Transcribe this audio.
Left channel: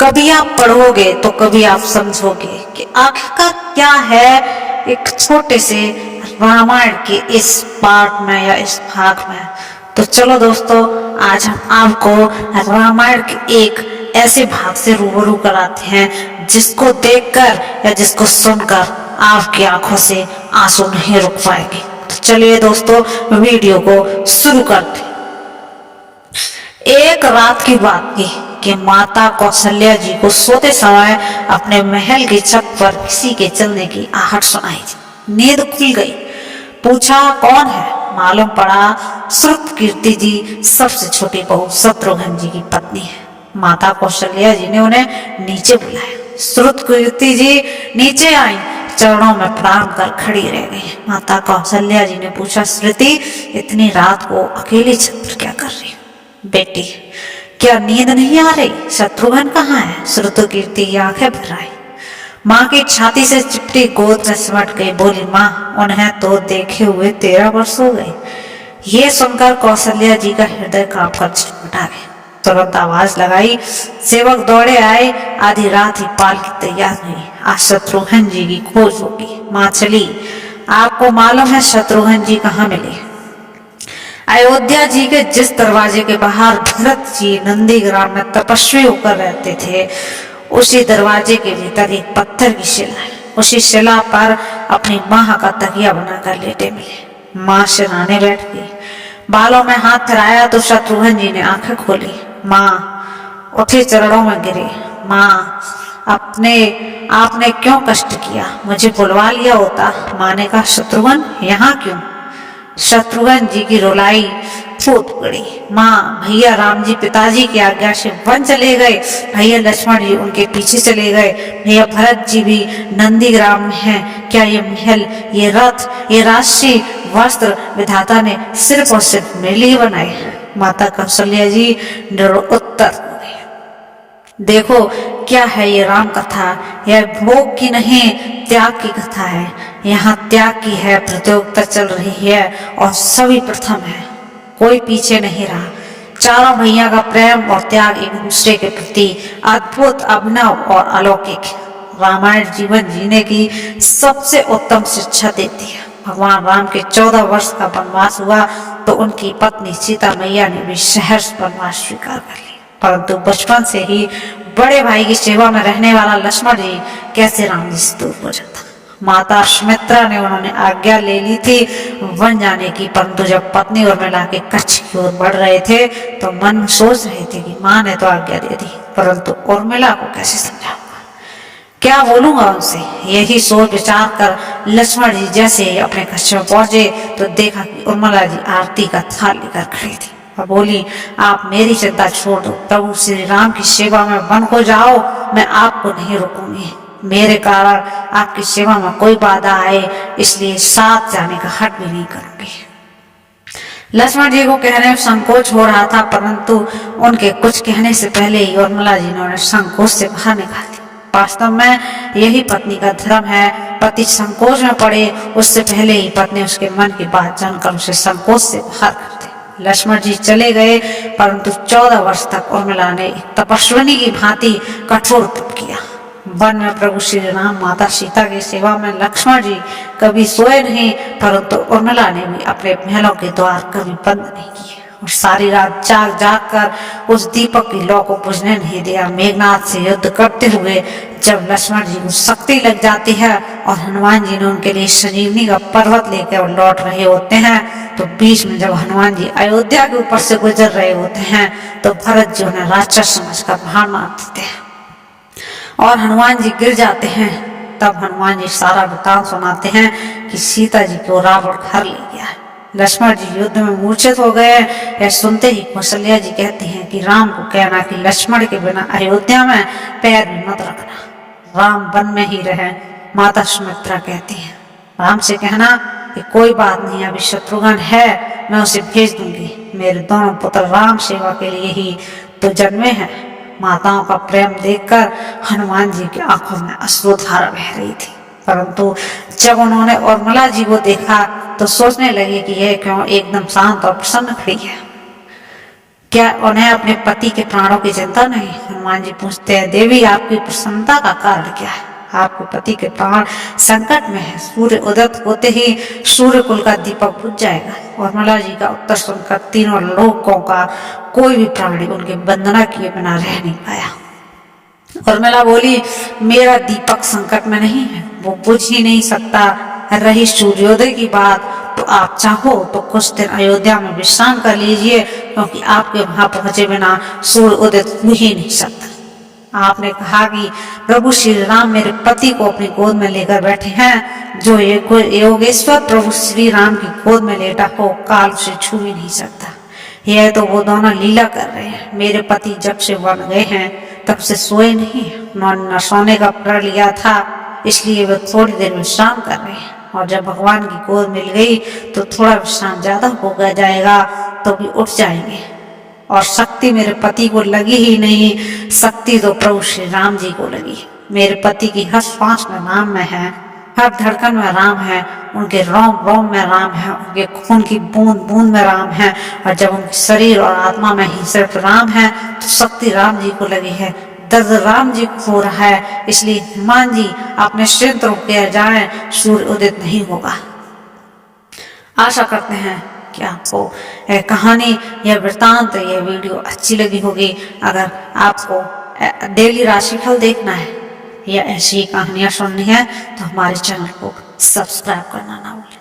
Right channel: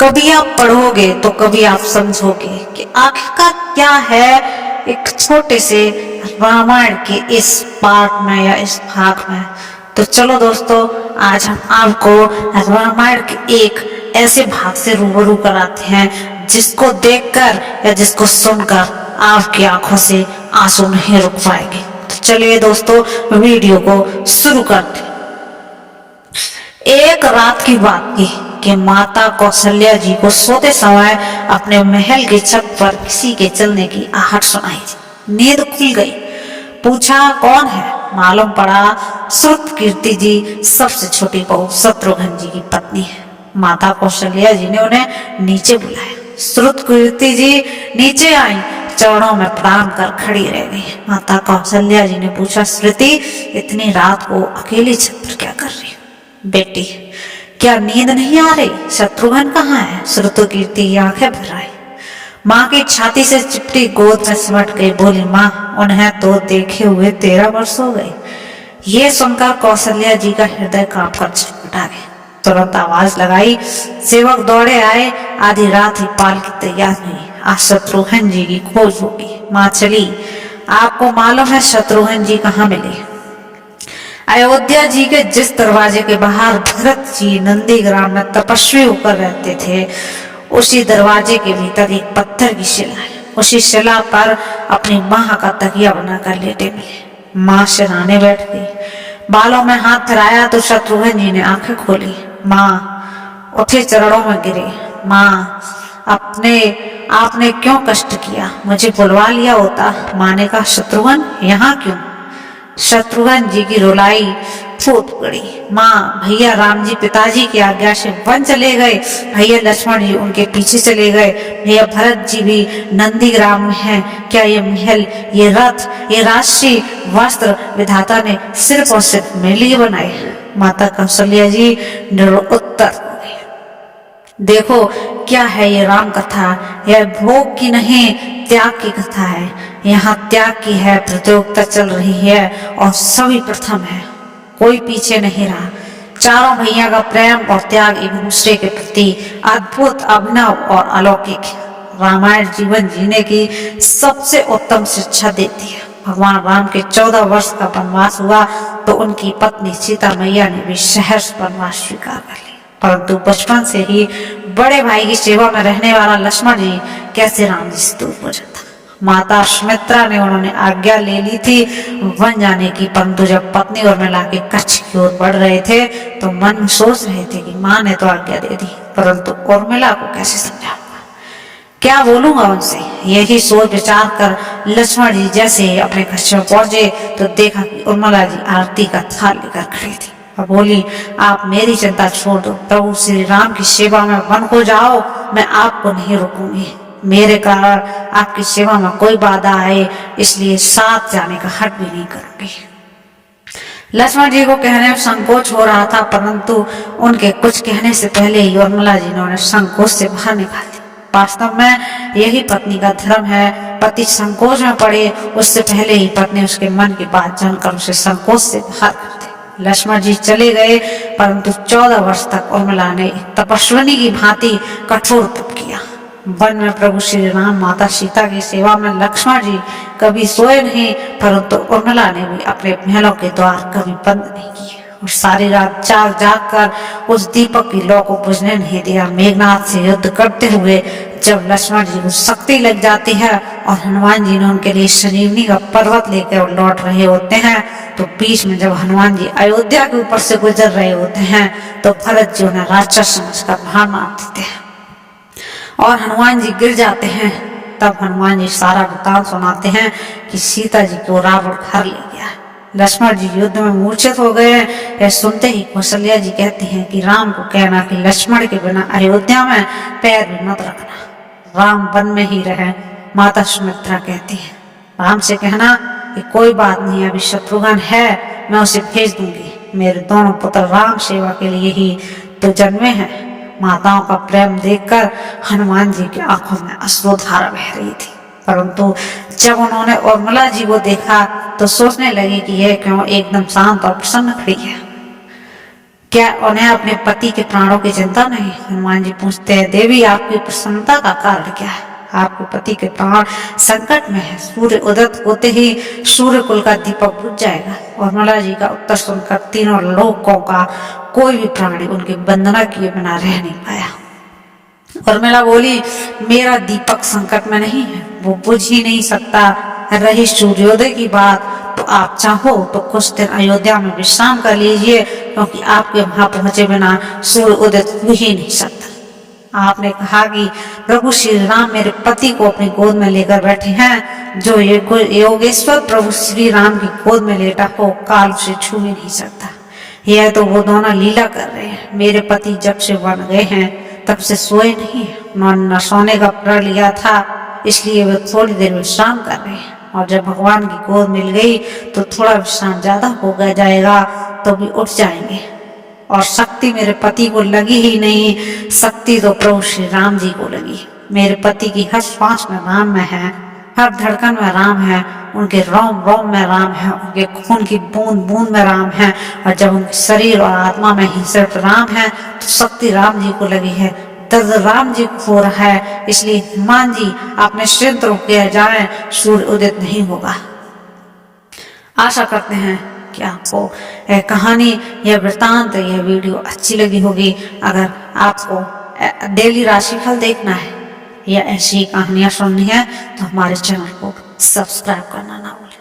कभी आप पढ़ोगे तो कभी आप समझोगे कि आखिरकार क्या है एक छोटे से रामायण के इस पार्ट में या इस भाग में। तो चलो दोस्तों, आज हम आपको रामायण के एक ऐसे भाग से रूबरू कराते हैं जिसको देखकर या जिसको सुनकर आपकी आंखों से आंसू नहीं रुक पाएंगे। तो चलिए दोस्तों, वीडियो को शुरू करते हैं। एक रात की बात थी कि माता कौशल्या जी को सोते समय अपने महल की छत पर किसी के चलने की आहट सुनाई दी। नींद खुल गई। पूछा, कौन है? मालूम पड़ा श्रुतकीर्ति जी, सबसे छोटी बहू शत्रुघ्न जी की पत्नी है। माता कौशल्या जी ने उन्हें नीचे बुलाया। श्रुतकीर्ति जी नीचे आई, चरणों में प्रणाम कर खड़ी रह गई। माता कौशल्या जी ने पूछा, श्रुति, इतनी रात को अकेली छत पर क्या कर रही हो? बेटी, क्या नींद नहीं आ रही? शत्रुघ्न कहाँ है? श्रुतकीर्ति की आंखें भर आई। माँ की छाती से चिपटी गोद में सिमट गई, बोली, माँ, उन्हें तो देखे हुए 13 वर्ष हो गए। ये सुनकर कौशल्या जी का हृदय कांपकर छटपटा गया। तुरंत आवाज लगाई, सेवक दौड़े आए। आधी रात ही पालकी तैयार हुई। आज शत्रुघ्न जी की खोज होगी। माँ चली। आपको मालूम है शत्रुघ्न जी कहाँ मिले? अयोध्या जी के जिस दरवाजे के बाहर भरत जी नंदीग्राम में तपस्वी होकर रहते थे, उसी दरवाजे के भीतर एक पत्थर की शिला है। उसी शिला पर अपनी माँ का तकिया बनाकर लेटे मिले। माँ सिरहाने बैठ गई। बालों में हाथ फिराया तो शत्रुघ्न जी ने आंखें खोली। माँ उठे, चरणों में गिरे। माँ, आपने क्यों कष्ट किया? मुझे बुलवा लिया होता। माँ ने कहा, शत्रुघ्न यहाँ क्यों? शत्रुघ्न जी की रुलाई फूट पड़ी। माँ, भैया राम जी पिताजी की आज्ञा से वन चले गए। भैया लक्ष्मण जी उनके पीछे चले गए। भैया भरत जी भी नंदीग्राम में हैं। क्या ये महल, ये रथ, ये राशि, वस्त्र विधाता ने सिर्फ और सिर्फ मेरे लिए बनाए? माता कौशल्या जी निरुत्तर हो गई। देखो, क्या है ये राम कथा? यह भोग की नहीं, त्याग की कथा है। यहाँ त्याग की है प्रतियोगिता चल रही है और सभी प्रथम है, कोई पीछे नहीं रहा। चारों भैया का प्रेम और त्याग एक दूसरे के प्रति अद्भुत, अभिनव और अलौकिक। रामायण जीवन जीने की सबसे उत्तम शिक्षा देती है। भगवान राम के 14 वर्ष का वनवास हुआ तो उनकी पत्नी सीता मैया ने भी सहर्ष वनवास स्वीकार कर लिया, परंतु बचपन से ही बड़े भाई की सेवा में रहने वाला लक्ष्मण जी कैसे राम जी से दूर हो जाता। माता सुमित्रा ने उन्होंने आज्ञा ले ली थी वन जाने की, परंतु जब पत्नी उर्मिला के कच्छ की ओर बढ़ रहे थे तो मन में सोच रहे थे कि माँ ने तो आज्ञा दे दी, परंतु उर्मिला को कैसे समझाऊंगा, क्या बोलूंगा उनसे। यही सोच विचार कर लक्ष्मण जी जैसे अपने कच्छ में पहुंचे तो देखा कि उर्मिला जी आरती का थाल लेकर खड़ी थी और बोली, आप मेरी चिंता छोड़ दो, प्रभु श्री राम की सेवा में वन को जाओ, मैं आपको नहीं रोकूंगी। मेरे कारण आपकी सेवा में कोई बाधा आए इसलिए साथ जाने का हट भी नहीं करूंगी। लक्ष्मण जी को कहने में संकोच हो रहा था, परंतु उनके कुछ कहने से पहले ही उर्मिला जी ने उन्हें संकोच से बाहर निकाल दिया। वास्तव में यही पत्नी का धर्म है। पति संकोच में पड़े उससे पहले ही पत्नी उसके मन की बात जानकर उसे संकोच से बाहर कर दे। लक्ष्मण जी चले गए, परंतु 14 वर्ष तक उर्मिला ने एक तपस्विनी की भांति कठोर तप किया। वन में प्रभु श्री राम माता सीता की सेवा में लक्ष्मण जी कभी सोए नहीं, परंतु उर्मिला ने भी अपने महलों के द्वार कभी बंद नहीं किए और सारी रात जाग जाग कर उस दीपक की लौ को बुझने नहीं दिया। मेघनाथ से युद्ध करते हुए जब लक्ष्मण जी को शक्ति लग जाती है और हनुमान जी ने उनके लिए संजीवनी का पर्वत लेकर लौट रहे होते हैं, तो बीच में जब हनुमान जी अयोध्या के ऊपर से गुजर रहे होते हैं तो भरत जी उन्हें राक्षस समझकर बाहर मार देते हैं और हनुमान जी गिर जाते हैं। तब हनुमान जी सारा वृतांत सुनाते हैं कि सीता जी को रावण घर ले गया। लक्ष्मण जी युद्ध में मूर्छित हो गए। यह सुनते ही कौशल्या जी कहती हैं कि राम को कहना कि लक्ष्मण के बिना अयोध्या में पैर भी मत रखना, राम वन में ही रहे। माता सुमित्रा कहती है, राम से कहना कि कोई बात नहीं, अभी शत्रुघ्न है, मैं उसे भेज दूंगी। मेरे दोनों पुत्र राम सेवा के लिए ही तो जन्मे हैं। माताओं का प्रेम देखकर हनुमान जी की आंखों में अश्रुधारा बह रही थी, परंतु जब उन्होंने उर्मिला जी को देखा तो सोचने लगे कि यह क्यों एकदम शांत और प्रसन्न खड़ी है। क्या उन्हें अपने पति के प्राणों की चिंता नहीं? हनुमान जी पूछते हैं, देवी आपकी प्रसन्नता का कारण क्या है? आपके पति के प्राण संकट में है। सूर्य उदय होते ही सूर्य कुल का दीपक बुझ जाएगा। उर्मिला जी का उत्तर सुनकर तीनों लोकों का कोई भी प्राणी उनकी वंदना किए बिना रह नहीं पाया। उर्मिला बोली, मेरा दीपक संकट में नहीं है, वो बुझ ही नहीं सकता। रही सूर्योदय की बात, तो आप चाहो तो कुछ दिन अयोध्या में विश्राम कर लीजिए, क्योंकि आपके वहां पहुंचे बिना सूर्य उदय हो ही नहीं सकता। आपने कहा कि प्रभु श्री राम मेरे पति को अपनी गोद में लेकर बैठे हैं। जो योगेश्वर प्रभु श्री राम की गोद में लेटा हो, काल उसे छू ही नहीं सकता। यह तो वो दोनों लीला कर रहे हैं। मेरे पति जब से वन गए हैं तब से सोए नहीं। उन्होंने न सोने का प्रण लिया था, इसलिए वे थोड़ी देर विश्राम कर रहे हैं, और जब भगवान की गोद मिल गई तो थोड़ा विश्राम ज्यादा हो जाएगा तो भी उठ जाएंगे। और शक्ति मेरे पति को लगी ही नहीं, शक्ति तो प्रभु श्री राम जी को लगी। मेरे पति की हर सांस में राम में है, हर धड़कन में राम है, उनके रोम रोम में राम है, उनके खून की बूंद बूंद में राम है। और जब उनके शरीर और आत्मा में ही सिर्फ राम है तो शक्ति राम जी को लगी है, दर्द राम जी को हो रहा है। इसलिए हनुमान जी आप निश्चिंत होकर जाएं, सूर्य उदित नहीं होगा। आशा करते हैं कि आपको यह कहानी, यह वृत्तांत, यह वीडियो अच्छी लगी होगी। अगर आपको डेली राशिफल देखना है या ऐसी कहानियां सुननी है तो हमारे चैनल को सब्सक्राइब करना ना भूलें।